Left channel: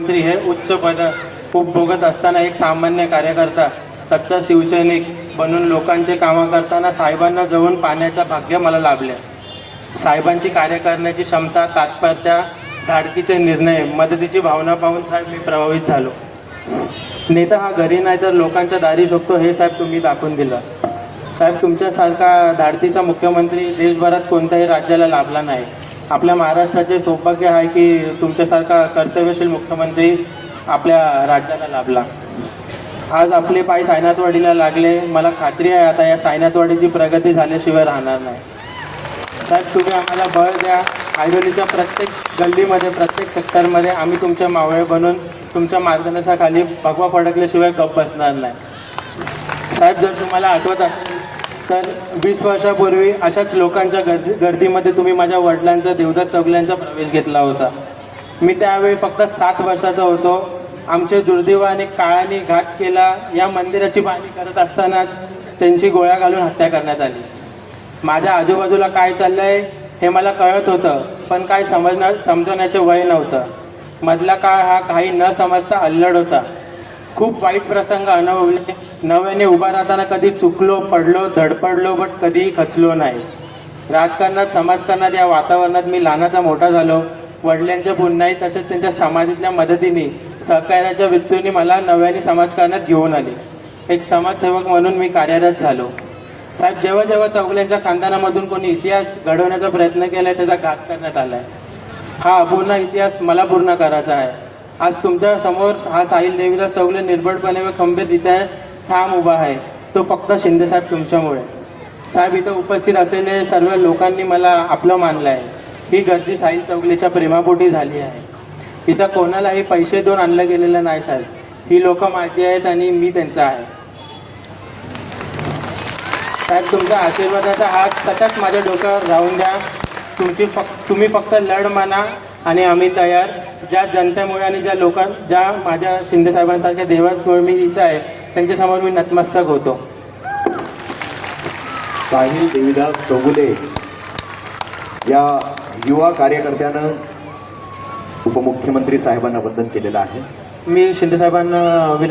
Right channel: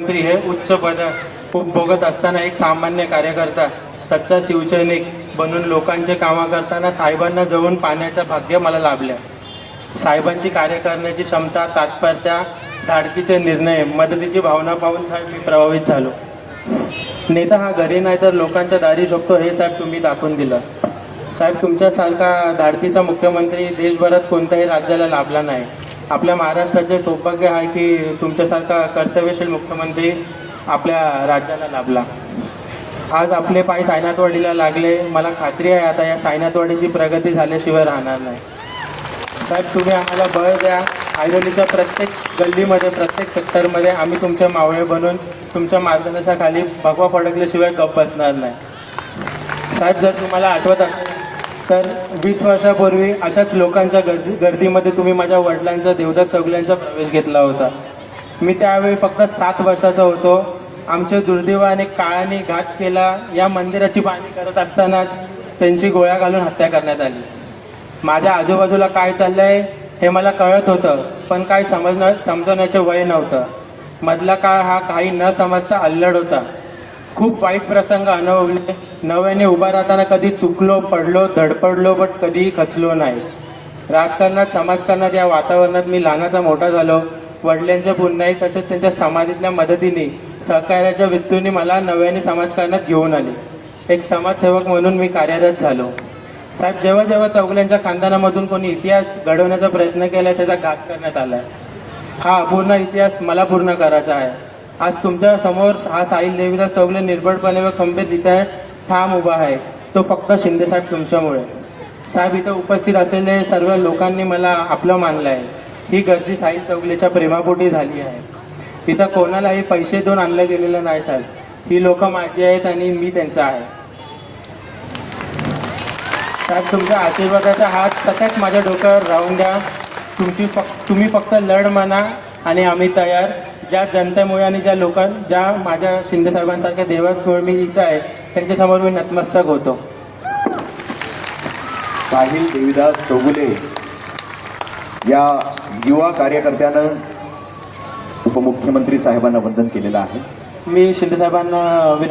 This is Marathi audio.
मंत्री हे उच्च पद उपभोगत असताना एक सामान्य कार्यकर्ता सच्चा शिवसैनिक बनून लोकांचे कामं करताना साहेबांना जवळून पाहण्याचं भाग्य मला लाभले साहेबांची कार्य करण्याची क्षमता तात्पर्त्या धाडकीचे निर्णय मदतीची भावना पाहून साहेब मी प्रभावित झालो. नेता हा घरी नाही तर लोकांच्या दारी शकतो हे साहेब तुम्ही दाखवून दिलं. साहेब तुमच्यासारखा धाडकीचा मुख्यमंत्री देशभरात कोणत्याही राज्याला लाभला नाही. आपल्या महाराष्ट्राचे सौभाग्य आहे की तुमच्यासारखा कर्तव्यशील मुख्यमंत्री आपल्या राज्याला लाभला. आज आपले पाय सायनाथवाडीला लागले. मला खात्री आहे आता या सायनाथवाडीची प्रगती झाल्याशिवाय राहणार नाही. साहेब तुम्ही आम्हाला बळ द्या. ऐरोलीच्या प्रत्येक गल्लीमध्ये प्रत्येक सेक्टरमध्ये आम्ही तुमचे मावळे बनून तुमच्या मार्गदर्शनाखाली भगवा फडकल्याशिवाय गप बसणार नाही. साहेब जर तुम्हाला आठवत असेल तर वीस वर्षापूर्वी अशाच लोकांच्या गर्दी गर्दीमध्ये तुम्ही माझ्या वडिलांचा देवदास सगळ्यांचा प्रवेश घेतला होता. मी त्यावेळी फक्त सात वर्षाचा होतो. आमचे दुर्दैवाने काळाने घात केला. या मंदिराची बांधणी करत असताना त्यांची गोळ्या घालून हत्या करण्यात आली. माझ्या आजूबाजूला काय चाललंय हे मला कळत होतं पण काय समजणं समजण्याचे वय नव्हतं. मधला काळ हा काही न समजता अल्लड होता. खूप वाईट प्रसंग अनुभवले. नव्याने उभा राहताना कधी चुकलो पडलो धडपडलो बट कधीही खचलो नाही. राजकारणात समाजकारणात या वातावरणात मी लहानाचा मोठा झालो. वडिलांच्या पुण्याही तसेच त्यांच्या समाजातल्या मदतीने सहकार्याच्या वृत्तीने मला नव्याने समाजकारणात घेऊन आले. एक समाजसेवक म्हणून मी कार्यरत झालो. साहेब जेव्हा जेव्हा चौगल्यांच्या खानदानामधून कोणी इतिहास घडवण्याचा प्रयत्न केला त्याचा घात करण्यात आलाय. हा अपूर्ण इतिहास मला पूर्ण करायचा आहे. आज तुमच्यासमोर हा साहिल देवीला चौगले निर्भयपणे व खंबीररित्या ठाम उभा आहे. तो फक्त शिंदेसाहेब तुमच्यामुळे. साहेब इथं उपस्थित असलेले सर्व लोकांनी मला आपलं मानलं आहे ही गर्दी साहिल चौगलेच्या प्रेमापोटी झाली आहे. इथं कोणालाही पैसे देऊन आणलं गेलेलं नाही साहेब. ही लोक माझी आहेत आणि मी त्यांचा आहे. साहेब तुमच्या आशीर्वादाचा हात सतत माझ्या डोक्यावर राहून द्या. तुमची फक्त तुम्ही फक्त लढ म्हणा आणि आम्ही तयार. ज्या जनतेमुळे आणि ज्या लोकां ज्या माझ्या शिंदे साहेबांसारख्या देवांमुळे मी इथं आहे त्यांच्यासमोर मी नतमस्तक होतो. साहिल देवीदास चौगुले या युवा कार्यकर्त्यानं उपमुख्यमंत्री साहेबांना वंदन केलेलं आहे. मी शिंदे साहेबांना विनंती